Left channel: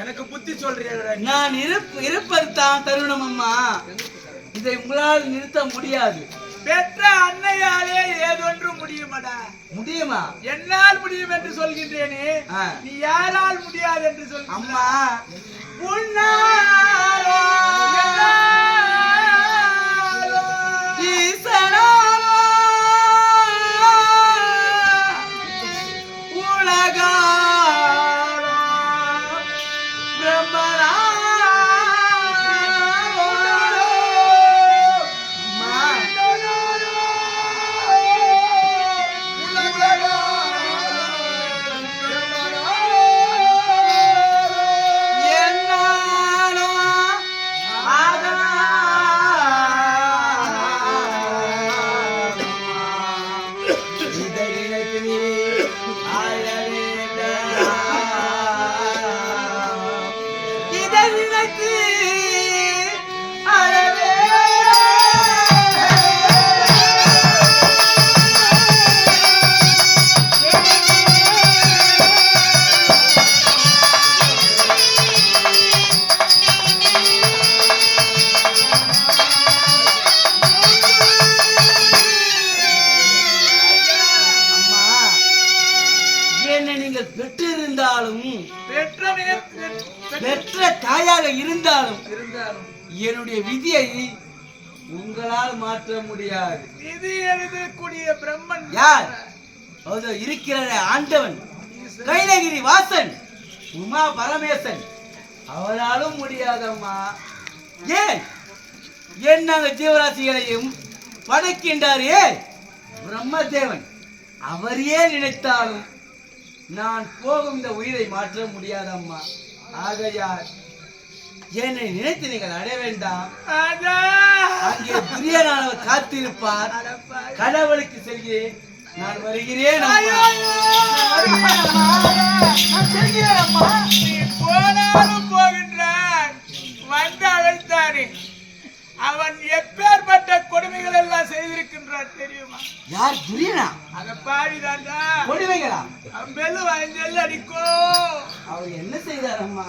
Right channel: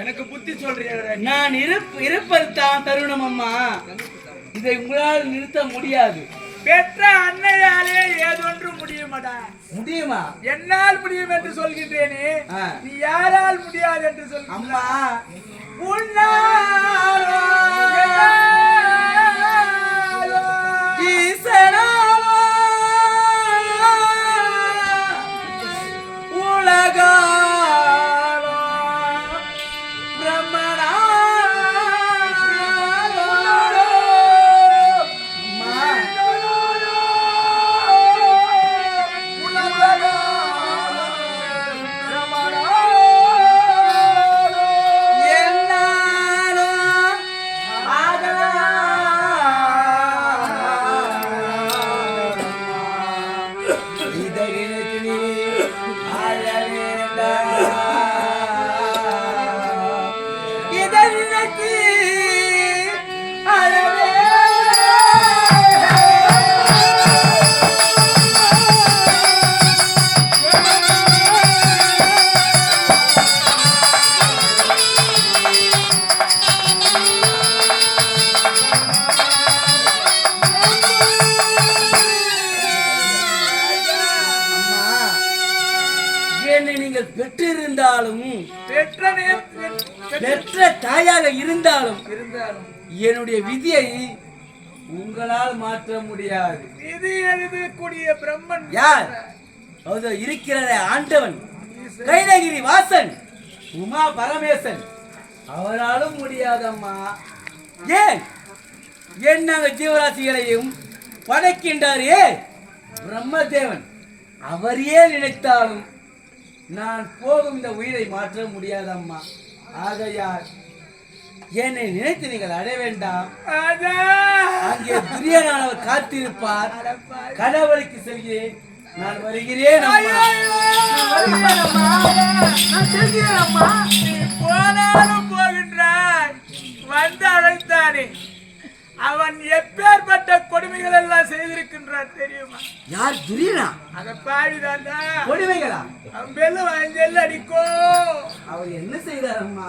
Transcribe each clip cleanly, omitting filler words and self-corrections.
எனக்கு புத்தி சொல்றீங்க. நான் இருப்பதுதான் தருணம் அம்மா. இதை உங்களால் நிறுத்த முடியாது. பெற்ற அன்னையாலே ஏதொன்று முடியுமாடா? முடியுமா? என்னால் முடியும் என்று சொல்கின்றேனே, நீ யாரால் முடியாது என்று சொல். அம்மா ஈசனா உலகா பெற்ற தாயாக இருந்தாலும் என்னுடைய விதியை உங்களால் மாற்ற முடியாது. விதி எழுதக்கூடிய பிரம்மன் யார்? இருக்கிற ஆண்டவன் கைலகிரி வாசன் உமா பரமேசன், அவராலும் முடியாதம்மா. ஏன் என்ன ஜீவராசிகளையும் படைக்கின்றார் பிரம்மதேவன், அவரையே நினைத்தாலும் நான் போகும் இந்த உயிரை மாற்ற முடியாதம்மா. ஆகையால் என்னை நினைத்து நீங்கள் அடைய வேண்டாம். அங்கே துரியனானவர் காத்திருப்பார். கடவுளுக்கு செல்கிறேன், நான் வருகிறேன். போனாலும் போகின்றான், வந்து அழைத்தானே அவன் எப்பேற்பட்ட கொடுமைகள் எல்லாம் செய்திருக்கின்றான் தெரியுமா? யார்? துரியனா? அத பாவிதாண்டா. கொடுமைகளா? அவன் பெல்லு வாங்கி அடிக்கோ. அவர் என்ன செய்தார் அம்மா?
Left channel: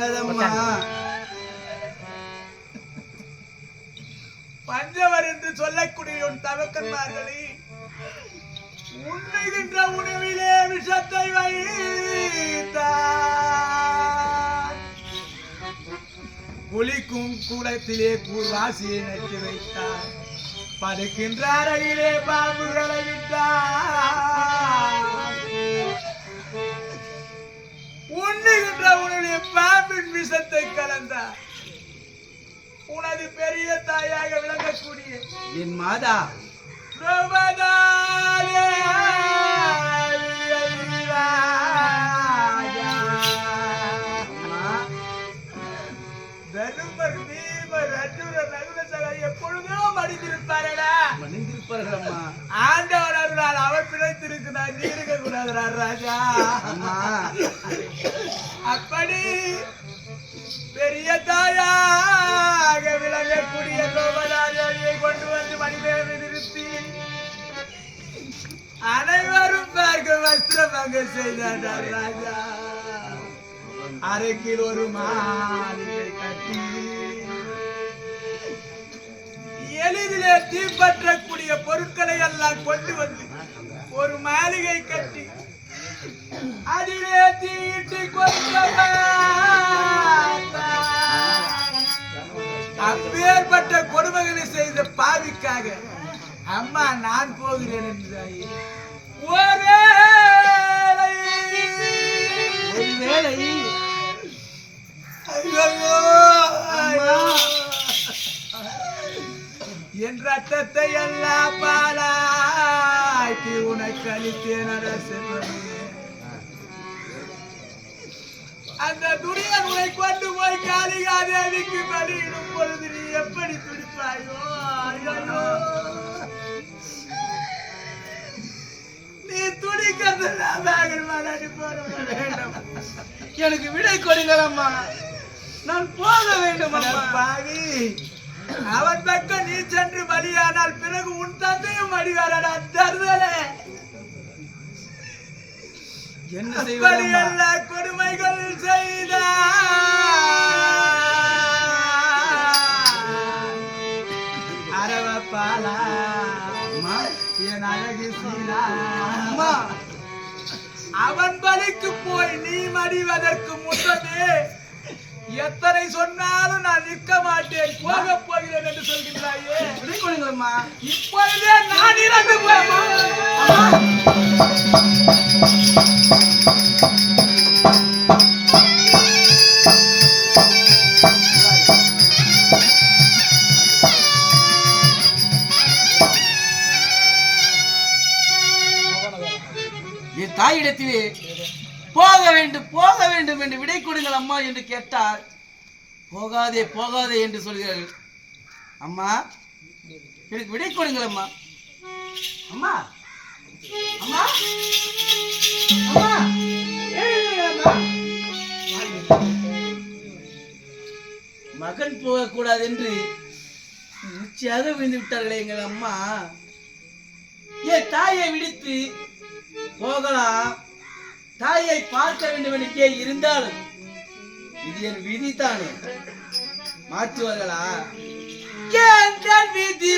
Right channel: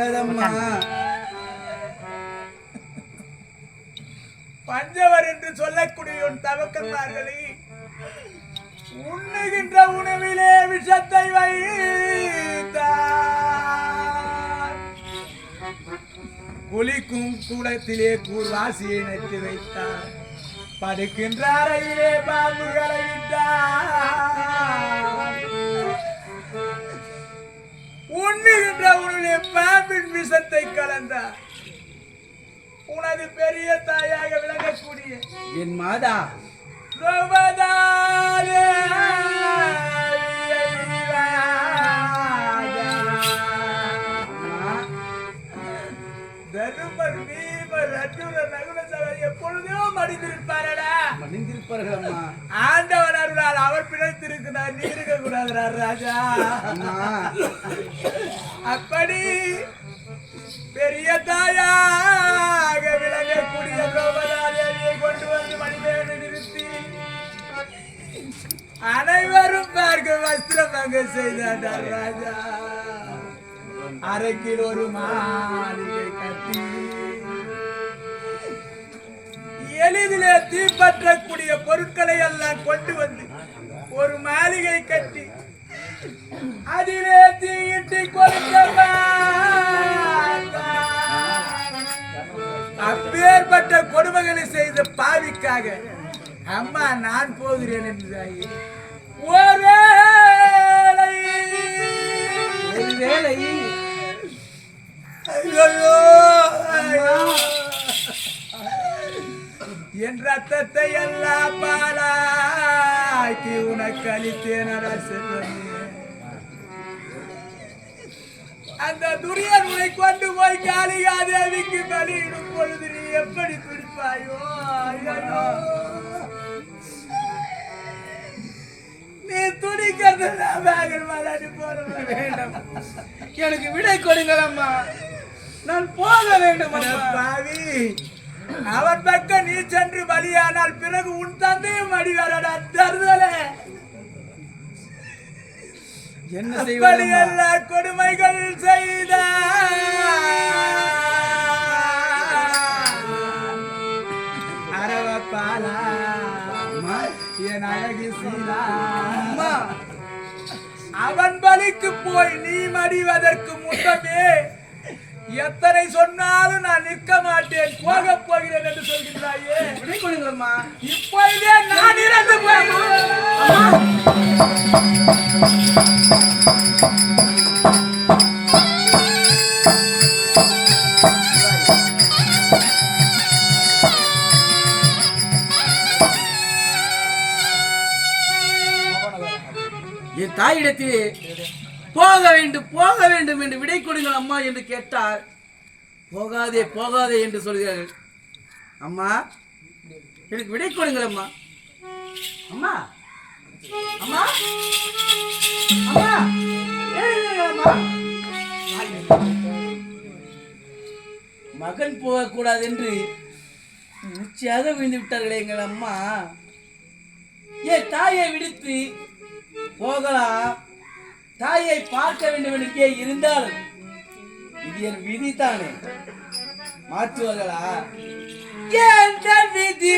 அழகாதம்மா. பஞ்சவர் என்று சொல்லக்கூடிய உன் தவக்கன்மார்களை உண்ணுகின்ற உணவிலே விஷத்தை வைத்தார். குளிக்கும் கூடத்திலே கூர்வாசியை நட்டு வைத்தார். படுக்கின்ற அறையிலே பாம்புகளை விட்டார். உண்ணுகின்ற உணவிலே பாம்பின் விஷத்தை கலந்தார். உனது பெரிய தாயாக விளங்கக்கூடிய என் மாதா தருமர் பீமர் அர்ஜுனர் நகுல சகோதரர் எப்பொழுதும் மடிந்திருப்பாரடா. மணிந்திருப்பார்கள் அம்மா. ஆண்டவர் அருளால் அவர் பிழைத்திருக்கிறார். நீ இருக்க கூடாதுடா ராஜா. அப்படி பெரிய தாயாக விளங்கக்கூடிய கோபதாதேவியை கொண்டு வந்து மணிமேலை நிறுத்தி அனைவரும் பார்க்க வஸ்திரமங்க செய்தார் ராஜா. அரைக்கில் ஒரு மாளிகை கட்டி எளிதிலே தீப்பற்றக்கூடிய பொருட்களை எல்லாம் கொண்டு வந்து ஒரு மாளிகை கட்டி அதிலே தீயிட்டு கொடுக்க அப்பேற்பட்ட கொடுமைகளை செய்த பாவிக்காக அம்மா நான் போகிறேன் என்றாயே. ஒருவேளை என் ரத்தத்தை எல்லாம் பாலாக்கி உனக்கு அளித்தேன் செல்வமே. அந்த துரியன் உன்னை கொண்டு போய் காளிகாதேவிக்கு பலியிடும் பொழுது நீ எப்படி துடிப்பாயோ? நீ துடிக்கிறது எனக்கு விடை கொடுங்கள் அம்மா. நான் போக வேண்டும் பாவி. அவன் பக்கம் நீ சென்று பலியானால் பிறகு உன் தந்தையும் அடிவாரடா தருதலே. என்ன செய்வது? எல்லா கொடுமைகள் செய்த அரவப்பாலா என் அழகு சீலா. அவன் பலிக்கு போய் நீ மடிவதற்கு முன்னமே எத்தனை சொன்னாலும் நான் நிற்க மாட்டேன், போக போகிறேன் என்று சொல்கின்றாயே. இப்பொழுதே நான் இறந்து என் தாயிடத்திலே போக வேண்டும் என்று விடை கொடுங்கள் அம்மா என்று கேட்டால் போகாதே போகாதே என்று சொல்கிறார்கள். அம்மா எனக்கு விடை கொடுங்கள் அம்மா. அம்மா அம்மா அம்மா மகன் போகக்கூடாது என்று உச்சியாக விழுந்து விட்டார்களே எங்கள் அம்மா. என் தாயை விடுத்து போகலாம், தாயை பார்க்க வேண்டும் என்று இருந்தாலும் இது என் விதி தானே, மாற்றுவார்களா? எந்த விதி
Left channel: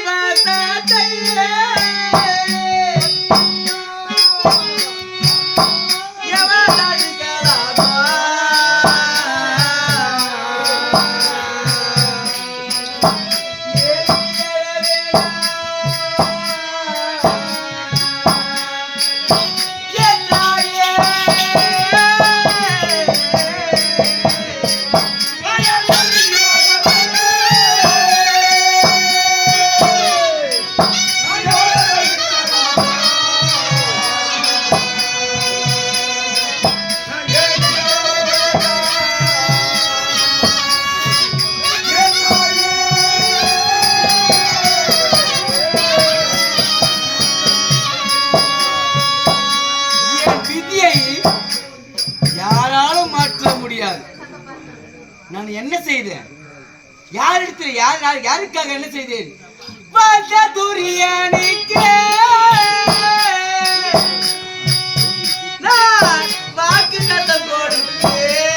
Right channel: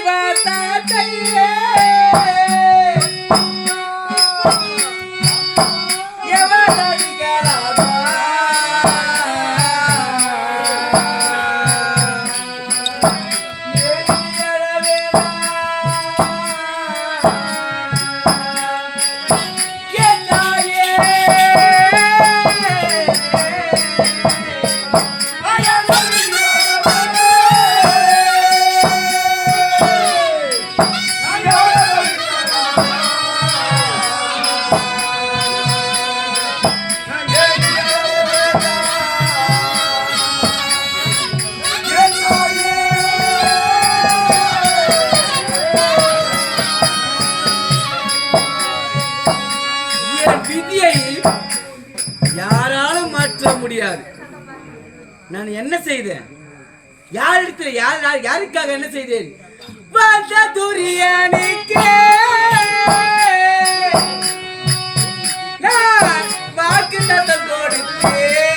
நான் என்ன செய்தேன்? யாரிடத்தில் யாருக்காக என்ன செய்தேன்? நான் வாக்கு கொடுத்தேன்.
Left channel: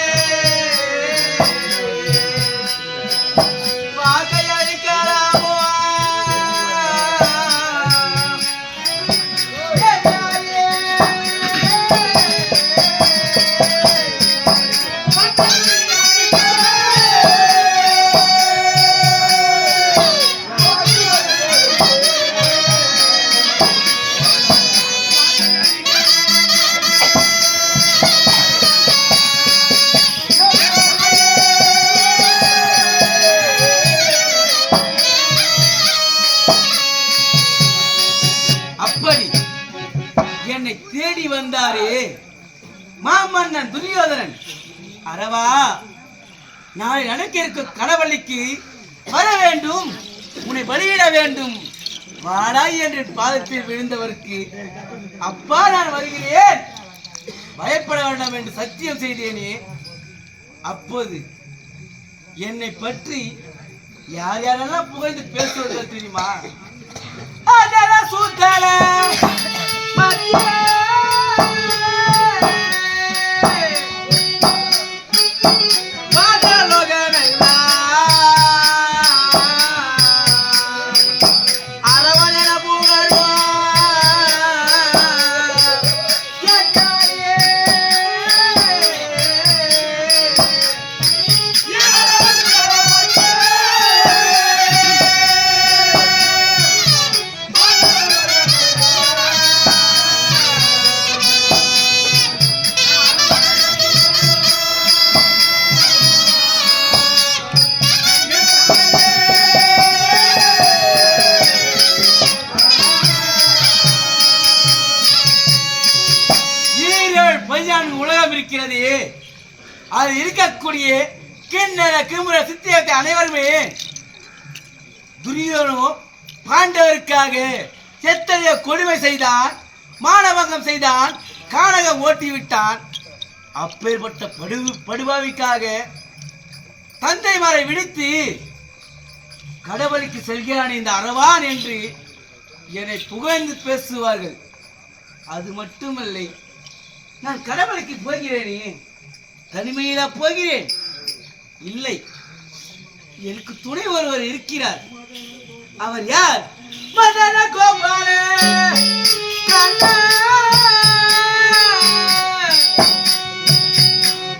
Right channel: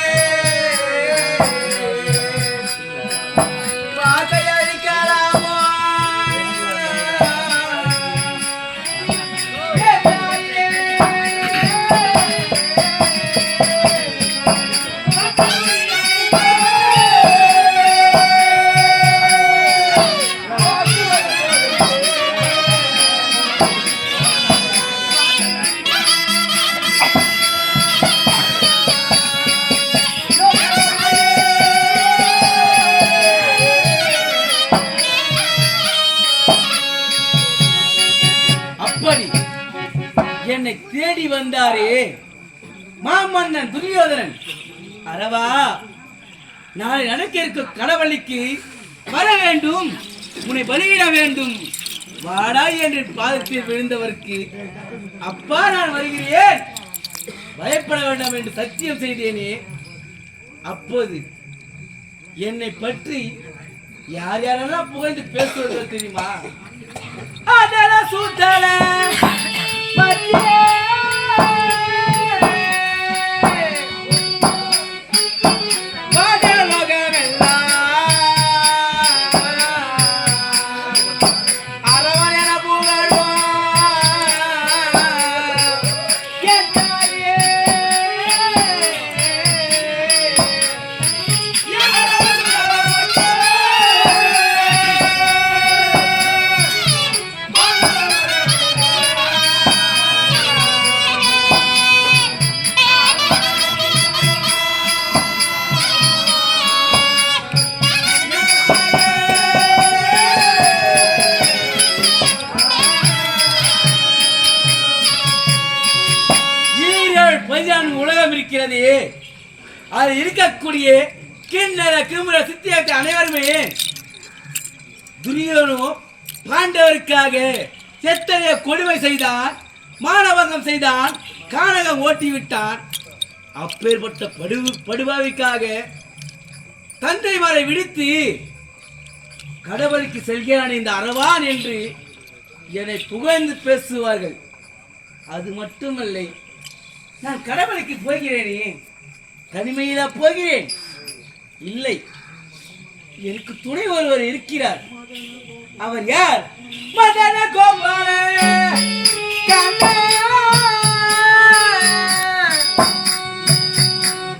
அரவா, நாளை நடக்க இருக்க கடவுளுக்கு வர வேண்டும், உன்னை பலியிட வேண்டும், வாடா என்று பாதத்தில் விழுந்தவருக்கு அப்பா நான் வருகிறேன், பயப்பட வேண்டாம் என்று சத்தியம் செய்தேனே. அப்போது என்னை பற்றி யார் யாரெல்லாம் புகழ்ந்து பேசுவது தெரியுமா? அதெல்லாம் சூத்தால உலகம் இருக்கிறது. அது இருக்கக்கூடிய கிண்ணற கிமுற சித்தியத்தை அனைவருமே துரியோனோ பாண்டவருக்காக எத்தனைய கொடுமை செய்தான், மானபங்கம் செய்தான், கானகம் ஓட்டிவிட்டான். அப்பேற்பட்ட படுபாவிக்காக தந்தைமாரை விடுத்து கடவுளுக்கு செல்கிறான் இந்த அரவான் என்று என்னை புகழ்ந்து பேசுவார்கள். அது மட்டுமல்ல, நான் கடவுளுக்கு போகிறேனே, தனிமையில போகிறேன் இல்லை, எனக்கு துணை ஒருவர் இருக்கிறார். அவர் யார்? மதன கோபால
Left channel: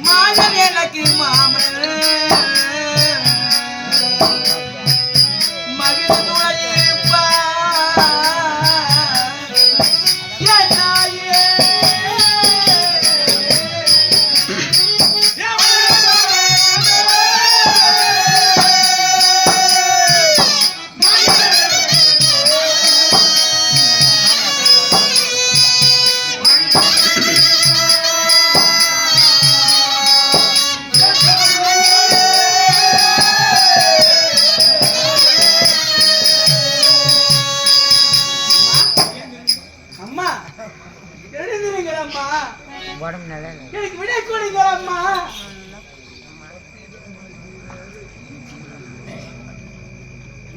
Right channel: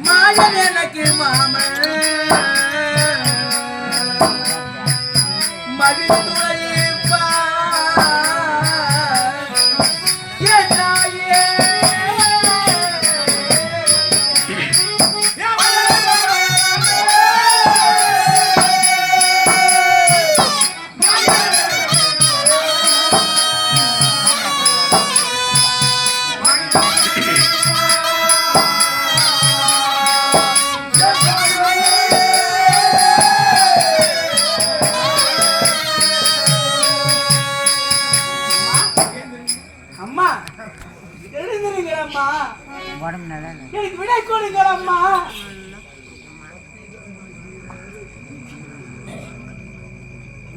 மாதன் எனக்கு மாமன் எனக்கு விடை கொடுங்கள் அம்மா.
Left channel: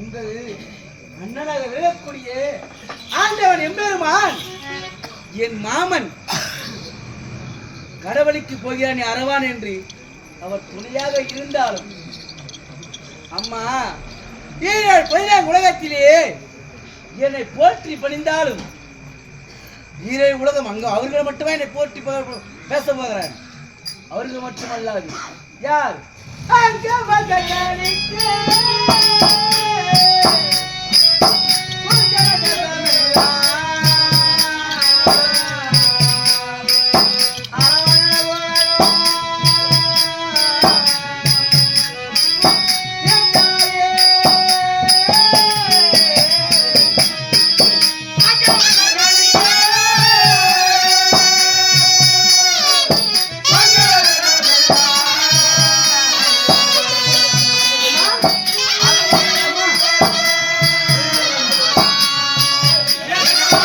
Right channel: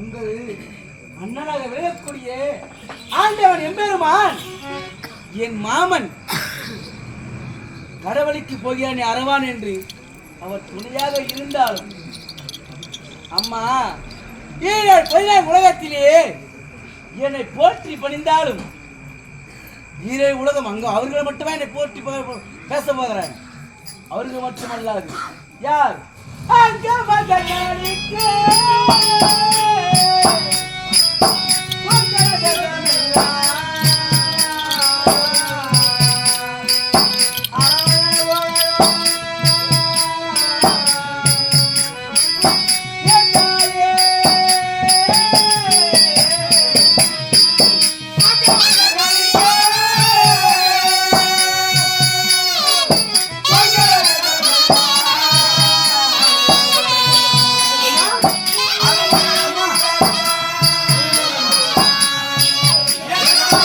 உங்கள் அண்ணனாக விழக்கூடிய ஆண்டவன் எம்பெருமான் என் மாமன் கடவுளுக்கு போகிறான் அரவான் என்று அவர் துணையாக இருந்தாலும் அம்மா, 7 உலகத்திலே என்னை போற்றி பணிந்தாலும் ஈரே உலகம் அங்க அவர்கள் மட்டுமே என்னை போற்றி பேச போகிறான். அவர்கள் மட்டுமல்லாது யார் அங்க மகனிக்கு